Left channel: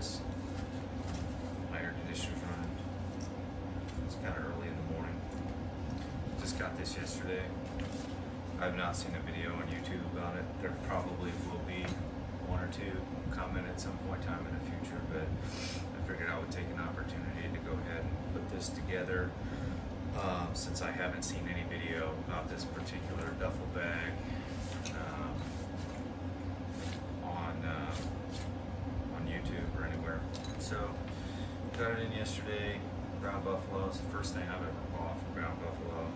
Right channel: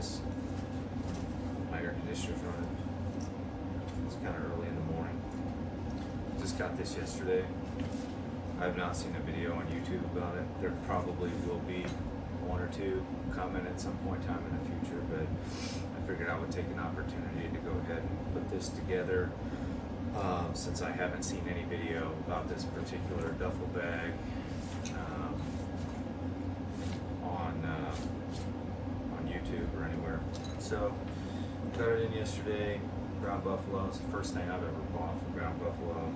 this. My air conditioner's running. It's kind of early in the morning. Just got this yesterday. I've not seen a video on YouTube about it. There probably will be one or two coming at some point in time in the future, but I figured I would take an opportunity to go ahead and put this together since I haven't seen any video about this particular duffel bag on YouTube or anywhere. So got it in yesterday. Brown buffalo. It's the first thing I've ever bought from Brown Buffalo.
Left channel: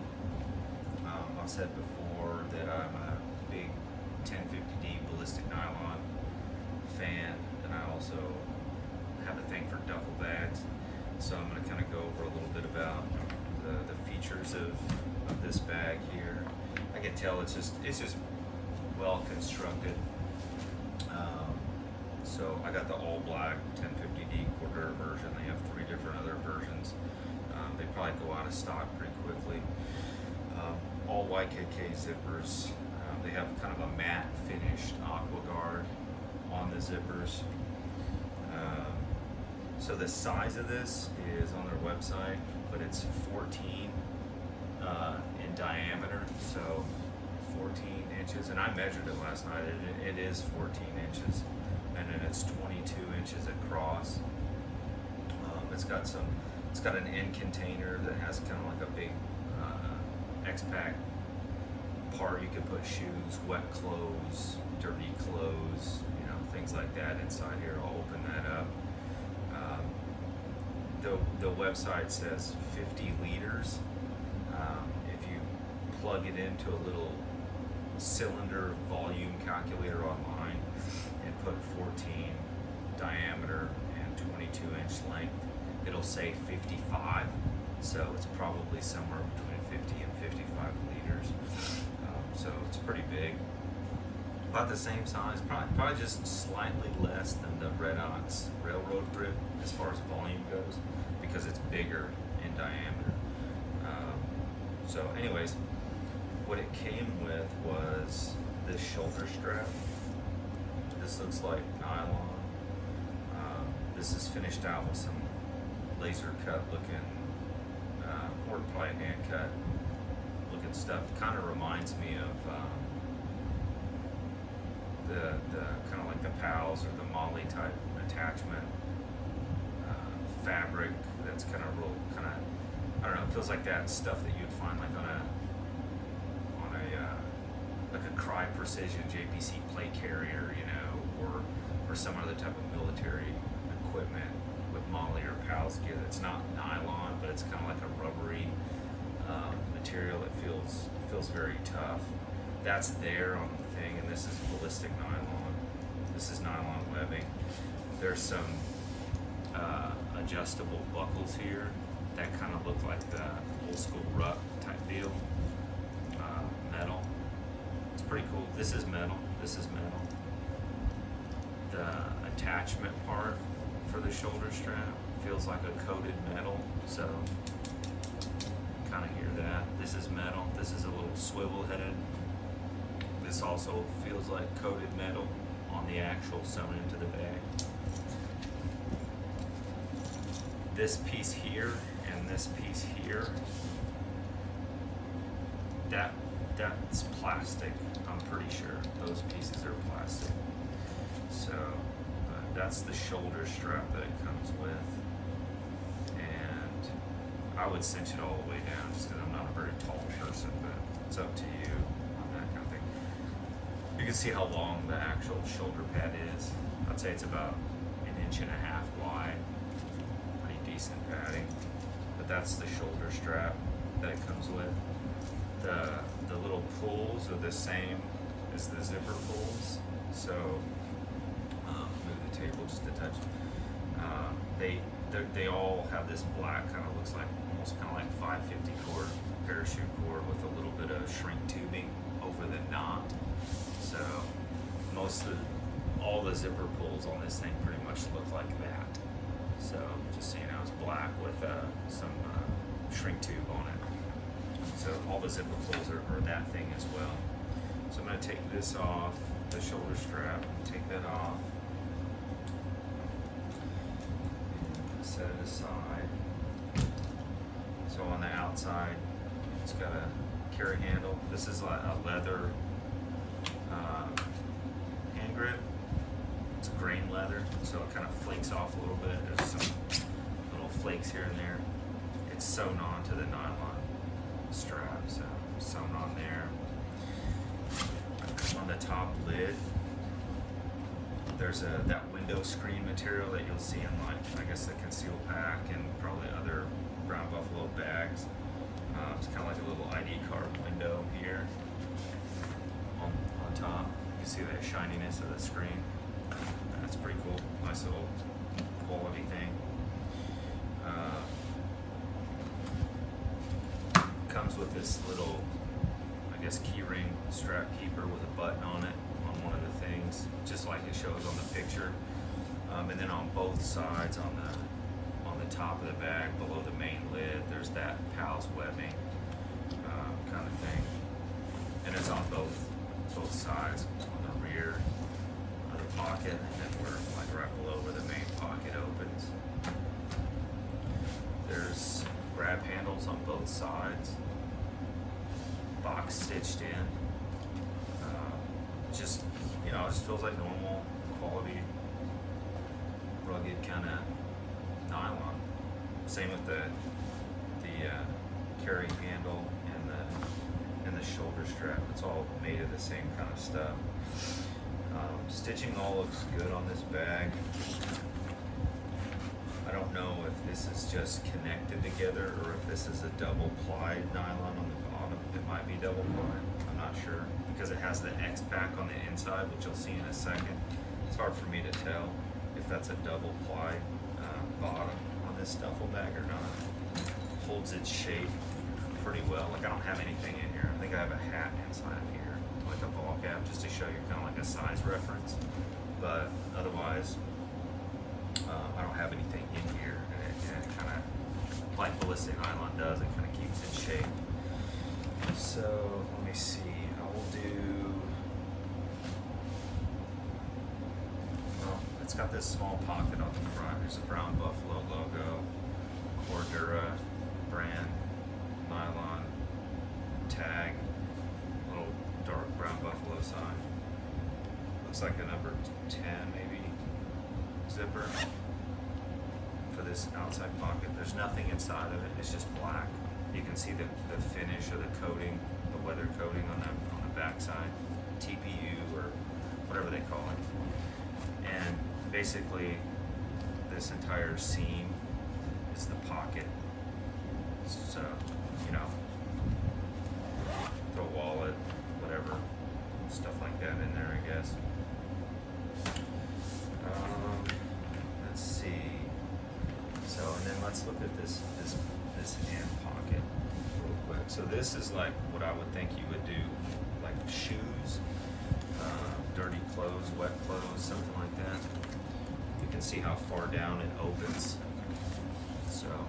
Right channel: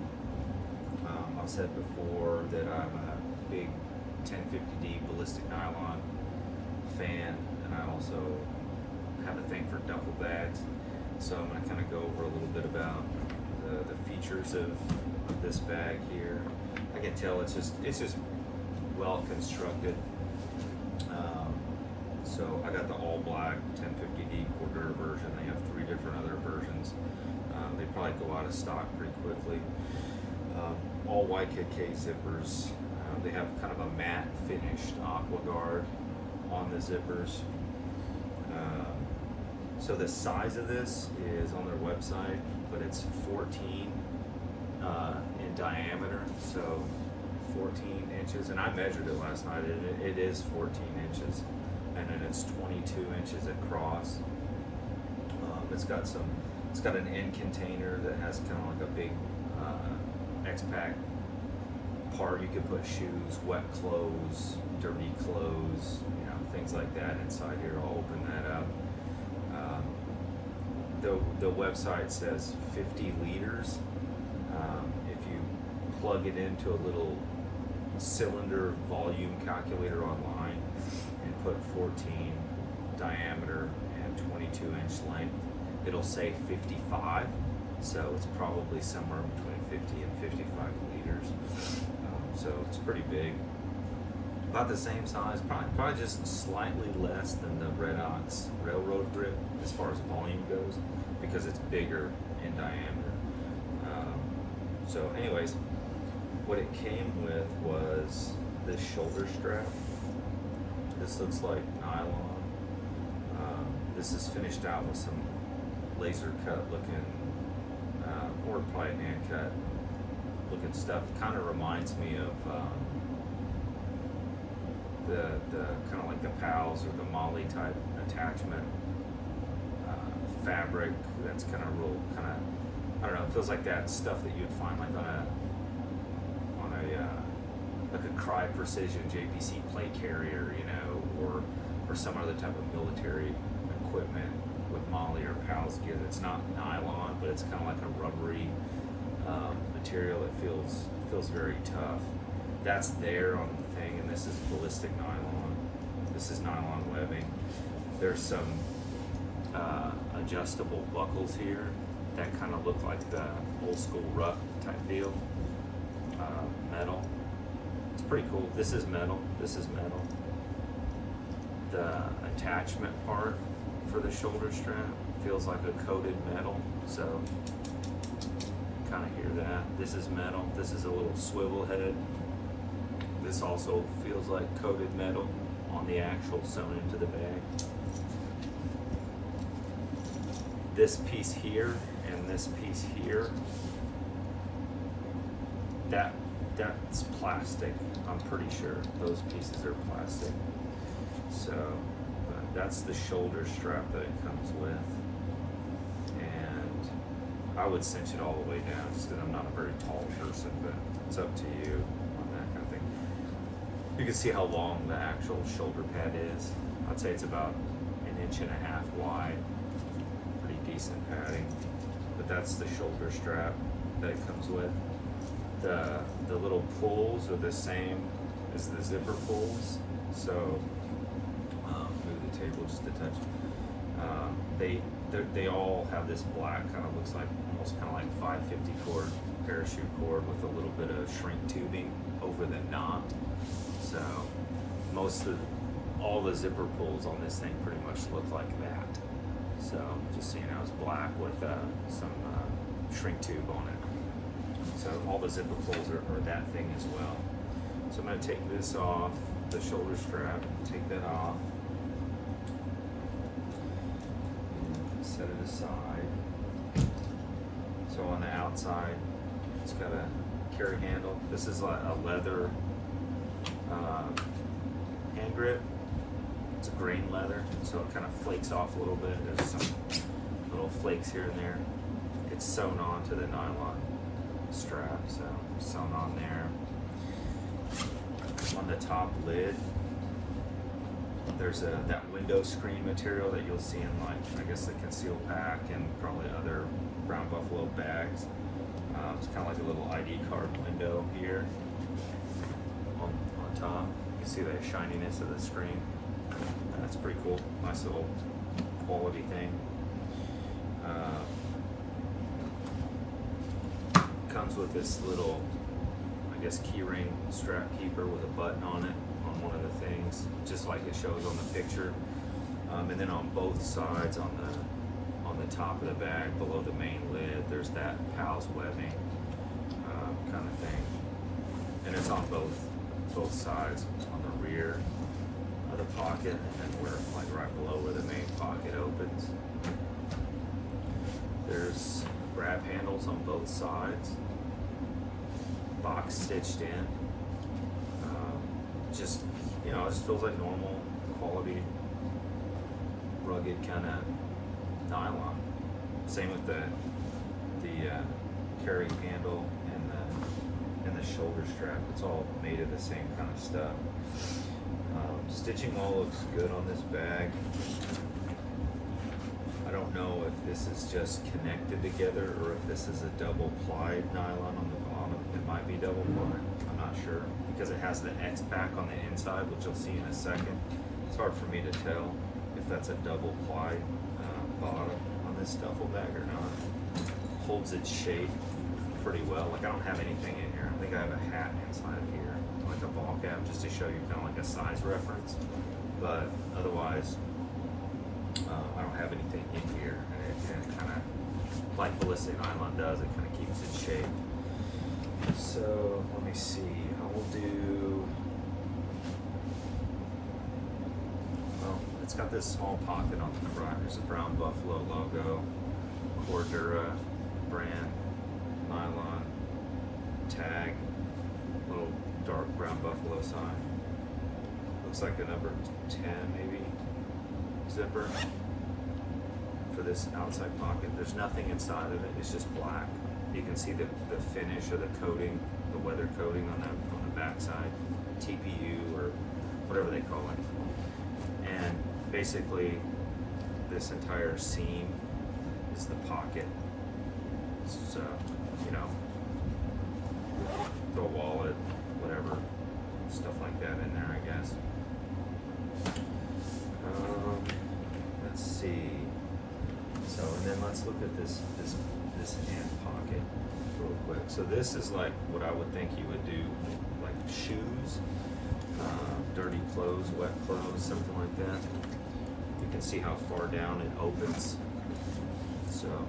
I've said before that I'm a big 1050D ballistic nylon fan, and I also have a thing for duffel bags. So I'm going to kind of go over a little bit about the features of this bag here. I can tell it's just well constructed. So I got the all black 1050D Cordura version. They have 3 different other versions. They probably go out of stock pretty quickly. All YKK zippers. They have kind of a matte finished aqua guard on the zippers. So the size of this is on their website, but it's 14 in diameter, so 14 inches. And I measured it last night, and it is 14 inches, and then it's 22 inches across. It's got an end container that has kind of like a big X-Pack part. You could put shoes, wet clothes, dirty clothes, you know, things like that inside here. I'll open that up. The website says 50 liters. If you plug it into a little cylinder volume calculator online and put 14 diameter and 22 inch length, it'll say 55. So it's probably somewhere between 50 and 55 liters. So it's pretty big. About the same size, probably just slightly less than the Red Ox railroad grip as far as volume goes, because it's bigger in diameter. So anyways, what it came with was this shoulder strap. This looks like nylon. This is finished out with some laser cut looking, or probably hand cut looking stuff. Kind of reminds me of the kind of like the PALS or the Molly type attachment fabric. That's kind of real, kind of, I don't know, it feels like that stuff that you'd find like on a like a Cry Precision JPC plate carrier, you know, or some other type of military equipment with Molly or PALS gear. That's not nylon, but it's kind of like a rubbery material that feels very tough. That's there on the thing, and this is ballistic nylon. This is nylon webbing. There's some adjustable buckles here that kind of look like the old school rut type deal. Metal. It's pretty cool. This is metal. This is metal. The attachment part for the shoulder strap feels like a coated metal, so kind of hear that. This is metal. This is a little swivel head. This also feels like coated metal on the actual sewn into the bag. This piece here and this piece here, that's plastic. I'm pretty sure those pieces are plastic. So that's the shoulder strap that it comes with, and I would cinch it all the way down just because I'm not a very tall person, but it's up to you on that kind of thing. You can see how long the actual shoulder pad is. I'd say it's about 1.5 inches wide. Pretty decent padding. But that's the shoulder strap that it comes with. The little pulls are the same as the zipper pulls. So move the table just a touch. They all have this black, kind of looks like almost kind of like 550 cord parachute cord with a little bit of shrink tubing over the knot. So all the zipper pulls on this thing pretty much look like that. So just so you know, it's black with some shrink tube on it. So all the zipper pulls are that thing as well. So I'm going to take this off, the shoulder strap, take that off. the side. So on the outside, it's got a carry handle. This is like a leather hand grip. It's a grain leather, so it kind of flakes off a little bit. There's some little flakes here and there. It's sewn on to the nylon strap, so sewn on there. On the top lid, there's that window screen material that you'll see in, like, I guess the conceal pack and probably other Brown Buffalo bags. It's kind of like a little ID card window here on top. You can see the shininess of the screen. That's pretty cool. Nice little quality thing. Comes with this little, I guess, key ring strap keeper with a button on it on one of the things, just like it shows on the picture. And then on both sides, on the top of the bag, below the main lid, there's that PALS webbing kind of thing, and it's on both sides, on the rear of the pocket, and then we're like right below where the main pocket opens. There's grab handles on both sides, box stitched in. Just, you know, it just feels like normal quality, rugged kind of nylon. Same with the carry handle and the shoulder strap. It's all made of the same kind of stuff. Stitching all looks good on this bag. I don't know if this is just connected together or if this is a double plied nylon on the bottom. It might be double plied, I'm not sure, because it has the X pack on the inside, which you'll see in a second. It's hard for me to tell if that's a double plied bottom on this duffel bag or not. Holds its shape pretty well. Like, I don't have anything in here. I think I have a hat inside of here, like a ball cap, just to show you kind of like a size reference. But otherwise, I don't have anything in here, and it kind of, like ballistic nylon does, it kind of keeps its shape. So let me see. I will do. Well, it's got this small pocket on the front. There's a Brown Buffalo logo, Cordura brand, nylon tag, little dark Brown Buffalo sign. Looks like a number 10 maybe zipper for this outside pocket. There's nothing inside of it. It's just black. You can see the finish of the coating, the weather coating on the backside, TPU or whatever they call it. And basically, this entire seam is the pocket. So, you know, throw a wallet, whatever, stuff like that in there, I guess. Let's see. So, and then let's look at this hand pocket real quick. So this is like what I would think you would do, like shoes, dirty clothes, wet clothes, something like that. You can see how far down it opens. So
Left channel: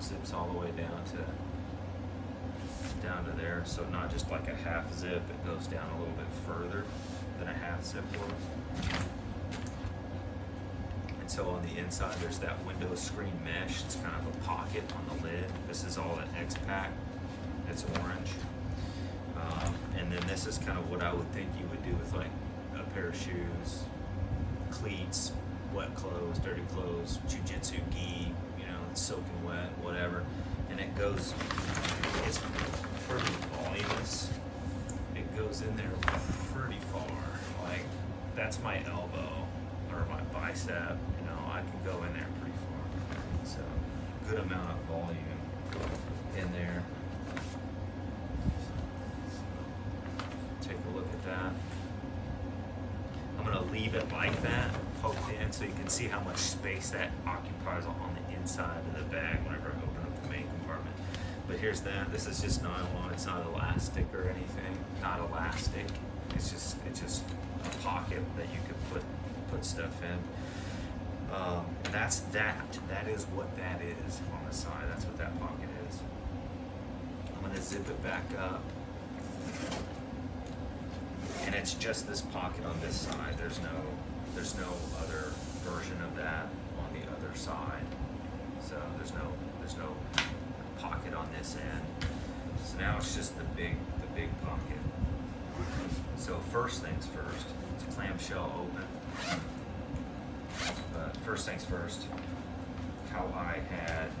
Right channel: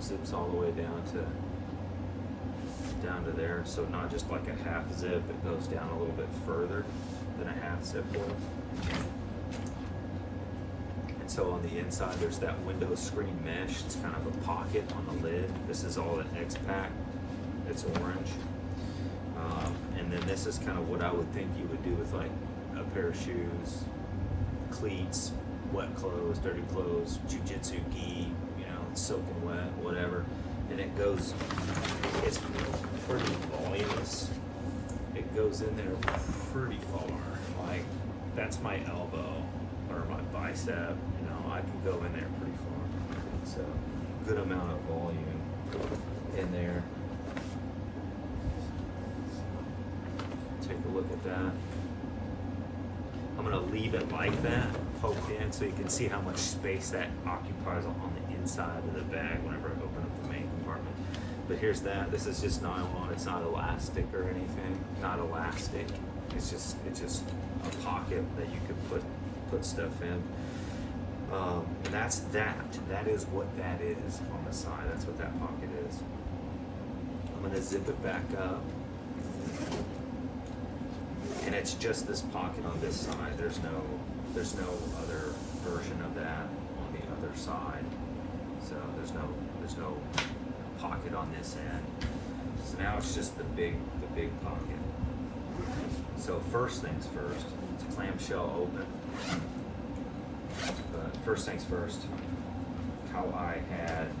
zips all the way down to there. So not just like a half zip, it goes down a little bit further than a half zip would. So on the inside, there's that window screen mesh. It's kind of a pocket on the lid. This is all an X pack. It's orange. And then this is kind of what I would think you would do with like a pair of shoes, cleats, wet clothes, dirty clothes, Jiu Jitsu gi, you know, it's soaking wet, whatever. And it goes, it's pretty voluminous. It goes in there pretty far. Like, that's my elbow or my bicep, you know, I can go in there pretty far. So, good amount of volume in there. Take a look at that. I'm gonna leave it like that, poked in, so you can see how much space that occupies on the inside of the bag whenever I open up the main compartment. But here's that. This is just nylon. It's not elastic or anything. Not elastic. It's just a pocket that you could put stuff in. And that's that. That is what that is on the side. That's what that pocket is. I'm gonna zip it back up. And it's just this pocket on this side. There's no other version of that on the other side. So there's no pocket on this end. So now it's just the big pocket. So first things first, it's clamshell open. But first things first, how I had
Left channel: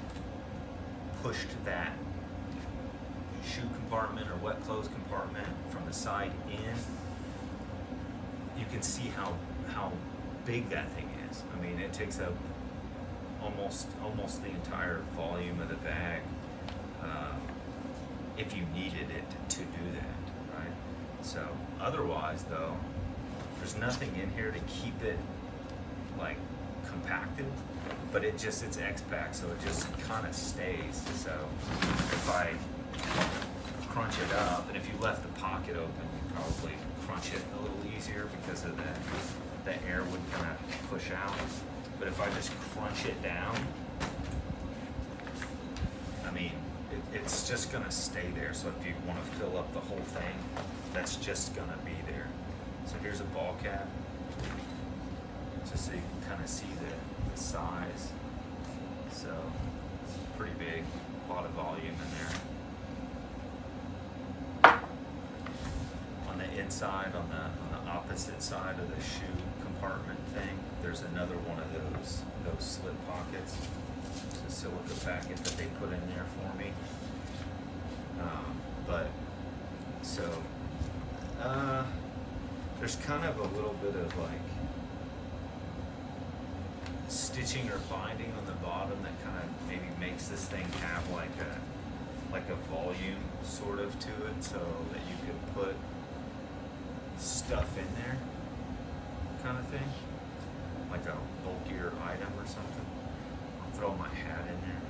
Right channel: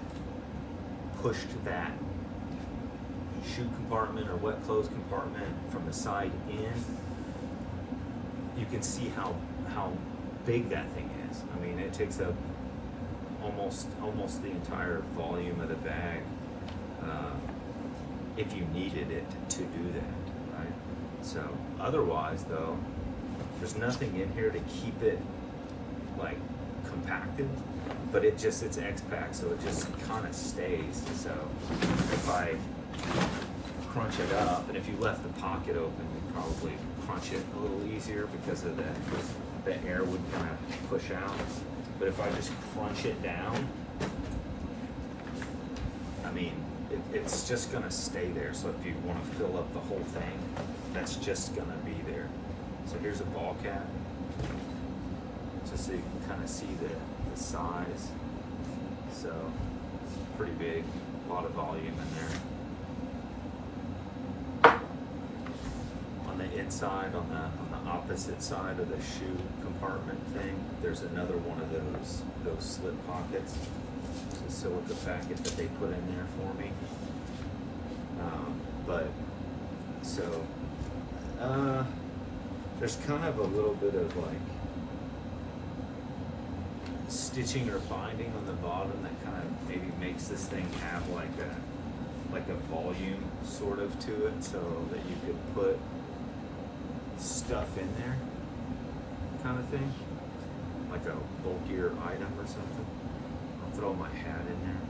pushed that shoe compartment or wet clothes compartment from the side in, you can see how big that thing is. I mean, it takes up almost the entire volume of the bag if you needed it to do that, right? So otherwise though, there's nothing in here to keep it like compacted, but it's X-Pack, so it just kind of stays. So if I crunch it up, and if you left the pocket open, you'd probably crunch it a little easier because of the air would kind of push out. But if I just crunch it down, I mean, it's just gonna stay there. So if you want to fill up the whole thing, that's just gonna be there. So here's a ball cap, just so you can kind of see the size. So it's pretty big, a lot of volume in there. On the inside, on the opposite side of the shoe compartment thing, there's another one of those slip pockets. It's a silica packet that they put in there for me. There's kind of a little bit of like stitching or binding on the bottom that kind of maybe makes this thing have like a volume sort of to it, so that you could put stuff in there, kind of thing, like a bulkier item or something. I'll throw my hat in there.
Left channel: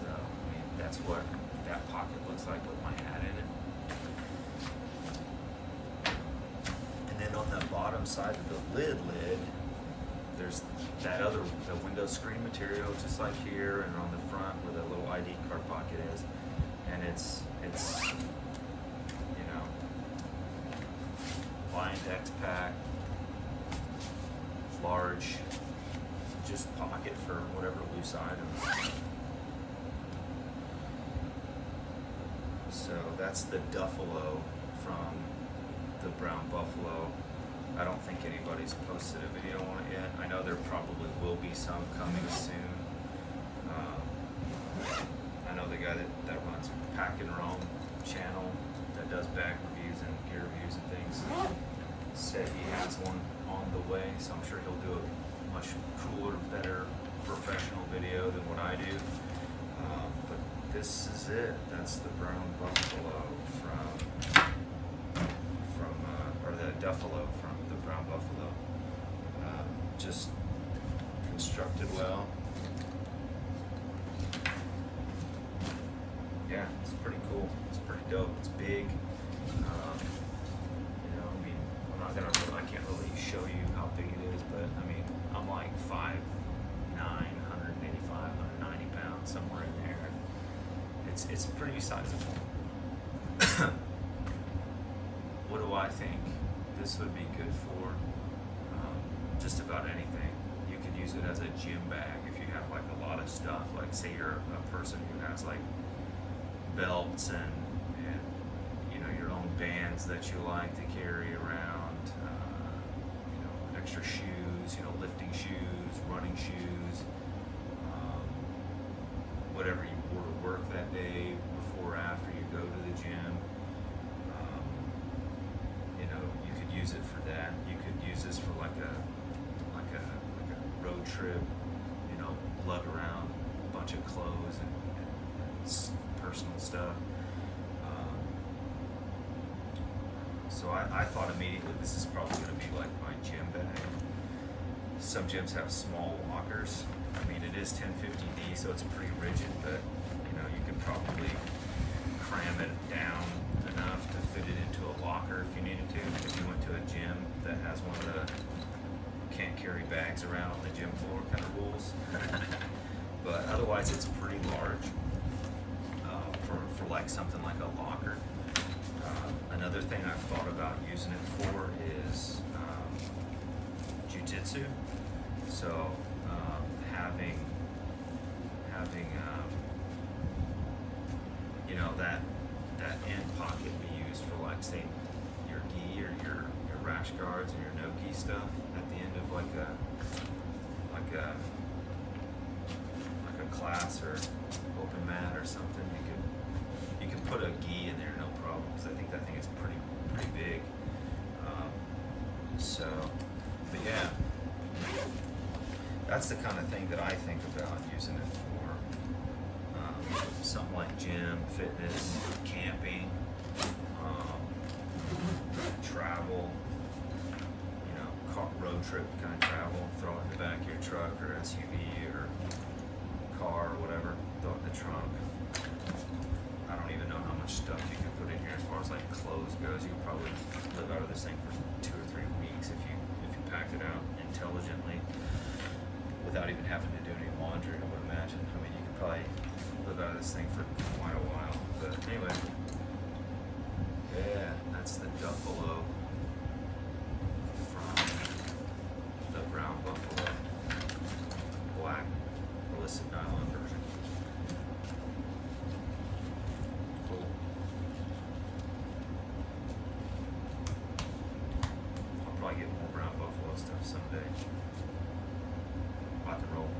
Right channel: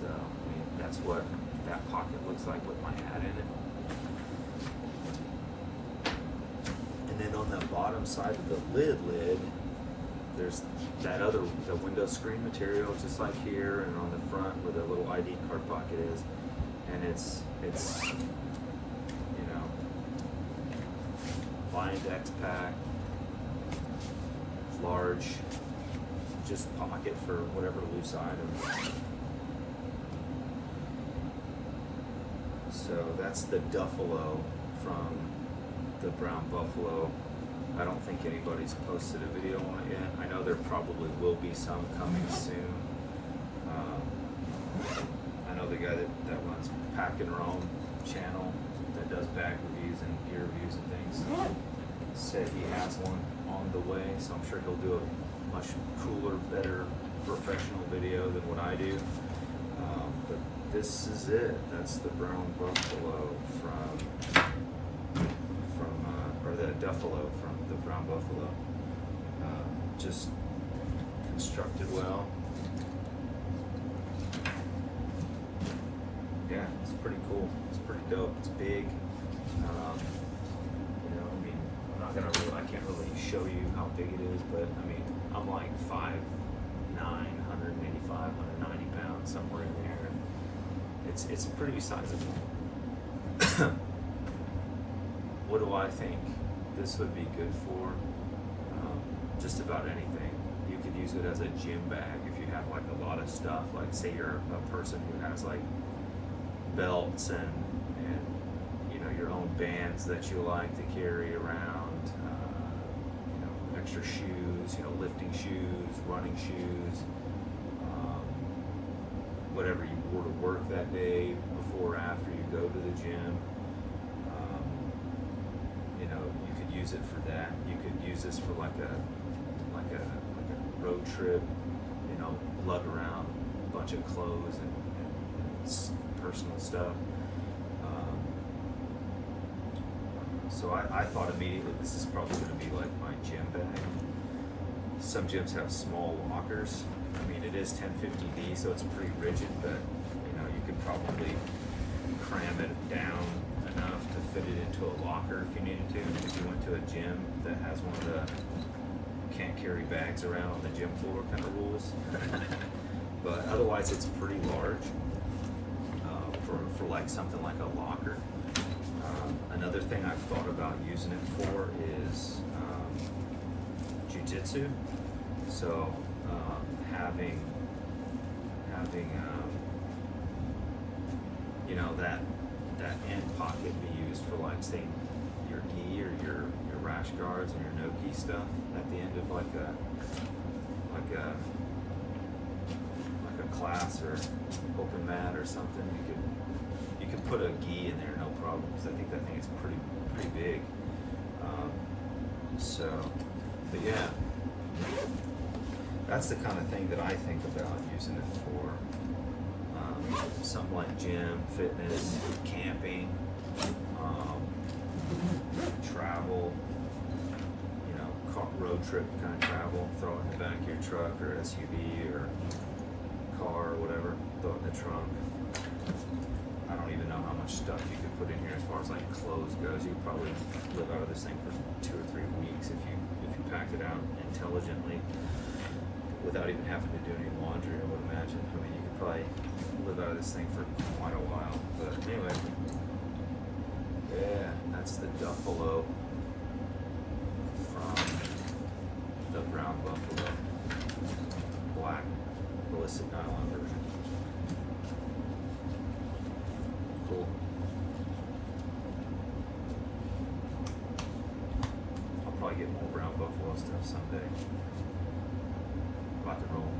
So I mean, that's what that pocket looks like with my hat in it. And then on the bottom side of the lid, there's the window screen material, just like here, and on the front where the little ID card pocket is. And it's you know, lined X-Pack, large, just pocket for whatever loose items. So that's the Duffalo from the Brown Buffalo. I don't think anybody's posted a video on it yet. I know there probably will be some coming soon. I know the guy that runs Pack and Roam channel that does bag reviews and gear reviews and things said he has one on the way, so I'm sure he'll do a much cooler, better, professional video than what I do. But this is it. That's the Brown Buffalo or the Duffalo from the Brown Buffalo. Just constructed well. Yeah, it's pretty cool. It's pretty dope. It's big. You know, I mean, I can't really show you how big it is, but I mean, I'm like 5'9", 185, 190 pounds, somewhere in there. It's pretty sizable. What do I think this would be good for? Just about anything. You could use it as a gym bag if you have like a lot of stuff. Like say you're a person who has like belts and you know, your own bands that you like to carry around. You know, extra shoes. You know, lifting shoes, running shoes. Whatever you wore to work that day, before or after you go to the gym. You know, you could use it for that. You could use this for like a road trip. You know, lug around a bunch of clothes and personal stuff. So I thought immediately this is probably going to be like my gym bag. Some gyms have small lockers. I mean, it is 1050D, so it's pretty rigid, but you know, you could probably cram it down enough to fit it into a locker if you needed to. If you went to a gym that has one of the can't carry bags around on the gym floor kind of rules. But otherwise, it's pretty large for like something like a locker. Another thing I've thought about using it for is Jiu Jitsu. So having you know, that end pocket be used for, like, say, your gi or your rash guards and your no gi stuff at the end of like a class or open mat or something. You could put a gi in there, no problem, because I think that thing is pretty big. So, but yeah, that's the kind of thing that I think about using it for. Something like gym, fitness, camping, travel, you know, road trip kind of travel. Throw it in the back of your truck or SUV or car or whatever. Throw it in the trunk. I don't even know how much stuff you could put in here as far as like clothes goes. You could probably live out of this thing for 2 or 3 weeks if you packed it out intelligently without even having to do any laundry, I would imagine. I mean, you could probably live out of this thing for quite a while. But anyway, yeah, that's the Duffalo from the brown buffalo, black ballistic nylon version. Cool. I'll probably get more brown buffalo stuff someday. Rock and roll.